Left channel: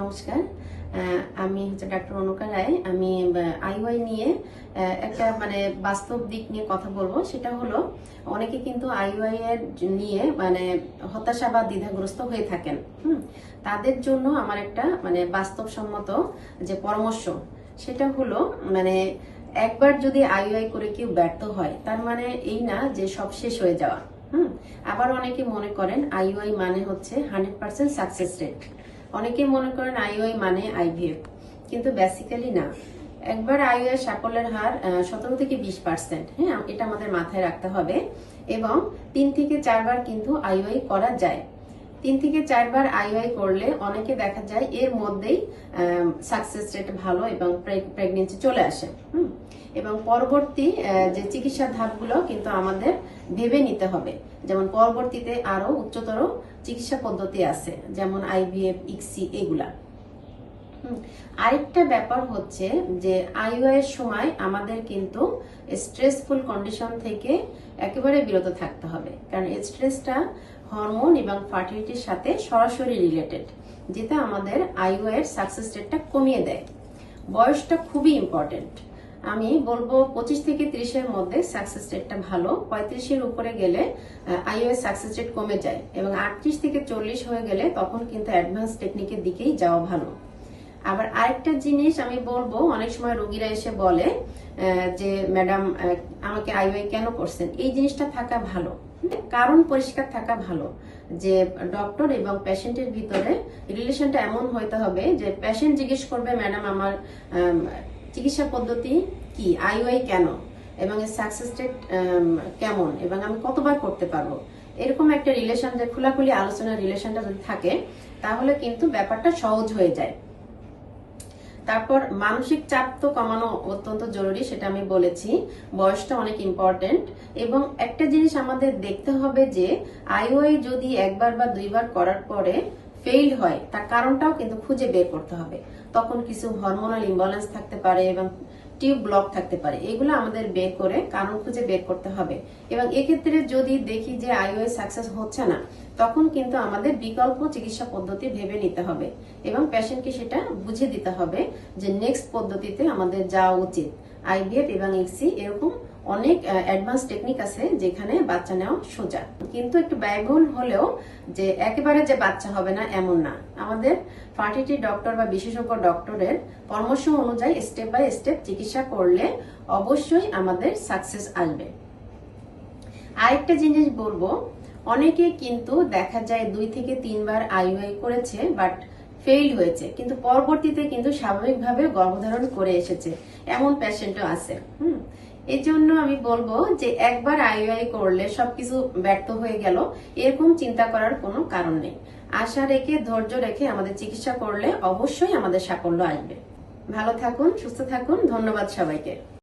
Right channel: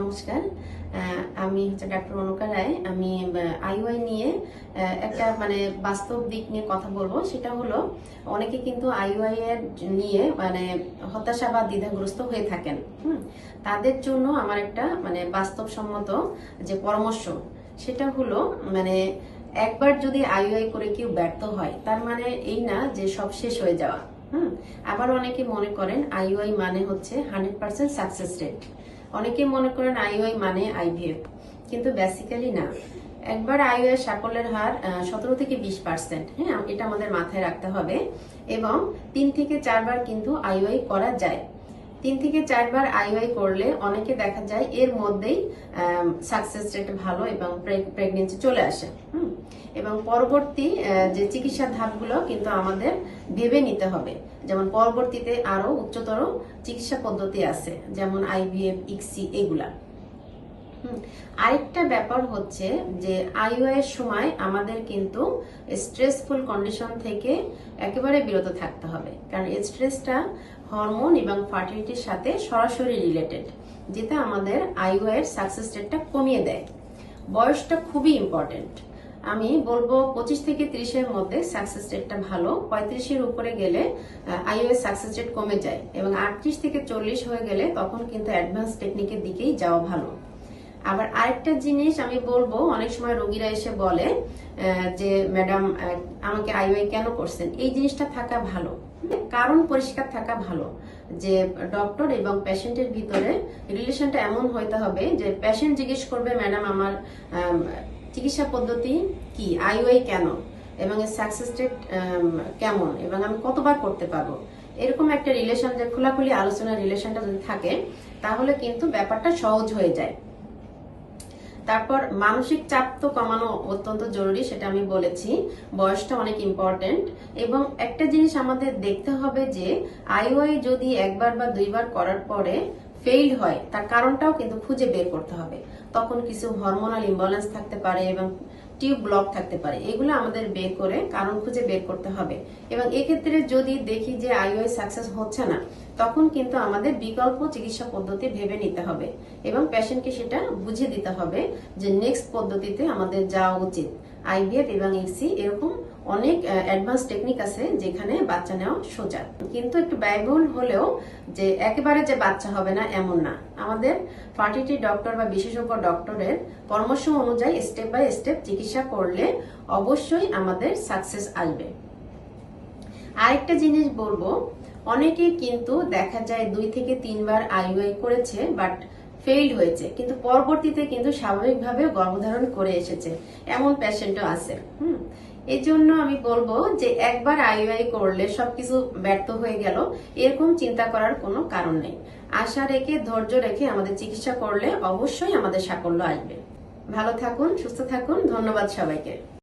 নমস্কার। আমি ডাক্তার অনুকা রায়। আমি আইওআই নিয়ে একটা বাস্তব দিক নিয়ে কথা বলবো। সেটা হলো, অনেকে কিন্তু আইওআই এর নিয়ে হতাশা বা দ্বিধাগ্রস্ত হয়ে থাকেন। তাদের জন্য আমার একটা বাস্তবসম্মত যে পরামর্শ, সেটা হলো একবার যদি আইওআই করে কেউ ব্যর্থ হয়, তার মানে এই না যে সব শেষ হয়ে যাওয়া। আবার অনেকে মনে করেন আইওআই মানে হচ্ছে 100% সাকসেস রেট। অনেকে মনে করেন আইওআই মানে আইভিএফ, কিন্তু বেসিক্যালি না। একবার আইওআই সাফল্যের হার 17 থেকে 20%। হ্যাঁ, এটা আমাদের মাথায় রাখতে হবে। এবং 3 থেকে 4 বার কিন্তু আইওআই করা যায়। 3 থেকে 4 বার আইওআই করলে অনেকে দেখা যায় এর মধ্যেই সাকসেস রেট ভালো এবং প্রেগনেন্সি চলে আসে। এবং পরবর্তী যে চিকিৎসার ধাপগুলো কিন্তু আমাদের ভেবে নিতে হবে। যেমন পরবর্তীতে আরো উচ্চতর চিকিৎসা পদ্ধতি আছে, যেমন আইভিএফ, ইক্সি, এগুলা। আরেকটা ব্যাপার হচ্ছে যে আইওআই এর সময় আমাদের কিন্তু স্ট্রেসফুল কন্ডিশন থেকে একেবারে বিরত থাকতে হবে, কারণ স্ট্রেসটা হরমোন এবং ফার্টিলিটির সাথে সরাসরি রিলেটেড, যেটা আমাদের আইওআই এর সাকসেস রেটটা কমিয়ে দেয়। বয়সটা খুবই ইম্পর্টেন্ট। আমি বলবো 25 থেকে 30 এর মধ্যে সাকসেস রেটটা ভালো। 35 এর উপরে গেলে আইওআই সাকসেস রেট কমে যায়, এবং 38 থেকে 40 হয়ে গেলে তখন কিন্তু অ্যাডভান্স টেকনিকের দিকেই যাওয়া ভালো। আবার আরেকটা জিনিস আমি বলবো, অনেক সময় রোগীরা এসে বলে যে ম্যাডাম আমাকে আইওআই কেন করছেন। এই জিনিসটা থাকা ভালো, কারণ পরিষ্কার থাকা ভালো যে ডক্টর এবং পেশেন্টের ভিতরে রিলেশনটা এমন হইতে হবে যে পেশেন্ট জিজ্ঞেস করবে, ম্যাডাম আমার চিকিৎসা পদ্ধতি কি, আইওআই কেন, এবং এর সাকসেস রেট কেমন, এবং আমি কতবার করতে পারবো। এরকম একটা রিলেশন, যে খোলাখুলি আলোচনার রিলেশনটা যদি থাকে, তাহলে কিন্তু ব্যাপারটা সহজ হয়ে যায়। তারপর মানসিক চাপ তো কমানো অত্যন্ত জরুরি, সেটা আমি বলেছি। বয়সটা অনেক ইম্পর্টেন্ট। এবং একটা জিনিস আমাদের দেখতে হবে যে আইওআই যদি একবার বা দুইবার করার পরে ফেইল হয়, তার কারণটাও কিন্তু খুঁজে বের করতে হবে। তখন কিছু হরমোনাল ইমব্যালেন্স থাকতে পারে এবং টিউব ব্লক থাকতে পারে। এগুলো আমাদের বের করে কারণ খুঁজে বের করতে হবে। এবং এক্ষেত্রে যদি দেখি যে আইওআই সাকসেস হচ্ছে না, তখন কিন্তু আমাদের বিকল্প চিকিৎসা পদ্ধতি ভেবে নিতে হবে এবং পেশেন্টকে সেটা বুঝিয়ে দিতে হবে যে নেক্সট পদ্ধতিতে আমাদের যাওয়া উচিত। আইভিএফ এবং ইক্সি, এরকম অনেক অ্যাডভান্স টেকনিক আছে যেখানে বাচ্চা নেওয়া সোজা, কিন্তু একটু ব্যয়বহুল হলেও যে একেবারে যে বাচ্চা হবে না এমন না। আমাদের ফার্টিলিটি ডক্টর বা বিশেষজ্ঞ ডক্টরের পরামর্শ অনুযায়ী স্টেপ বাই স্টেপ চিকিৎসা করলে অবশ্যই আমাদের সাকসেস আসবে। আরেকটা জিনিস বলবো, অনেকে কিন্তু দেখা যায় 2 থেকে 3 বার আইওআই করেছে বাট ফেইল হয়েছে, কিন্তু পরবর্তীতে কিন্তু স্বাভাবিকভাবে গর্ভধারণ করে এসেছে, এমন পেশেন্টও আছে। এই জন্য আমি বলবো যে একবার আইওআই করলে সবকিছু ব্যর্থ হয়ে গেল, এরকম চিন্তা করার কোনো কারণ নেই। আশা রেখে, ধৈর্য রেখে আমাদের চিকিৎসা করলে অবশ্যই আমাদের সাফল্য আসবে। ভালো থাকুন, সুস্থ থাকুন। ধন্যবাদ সবাইকে।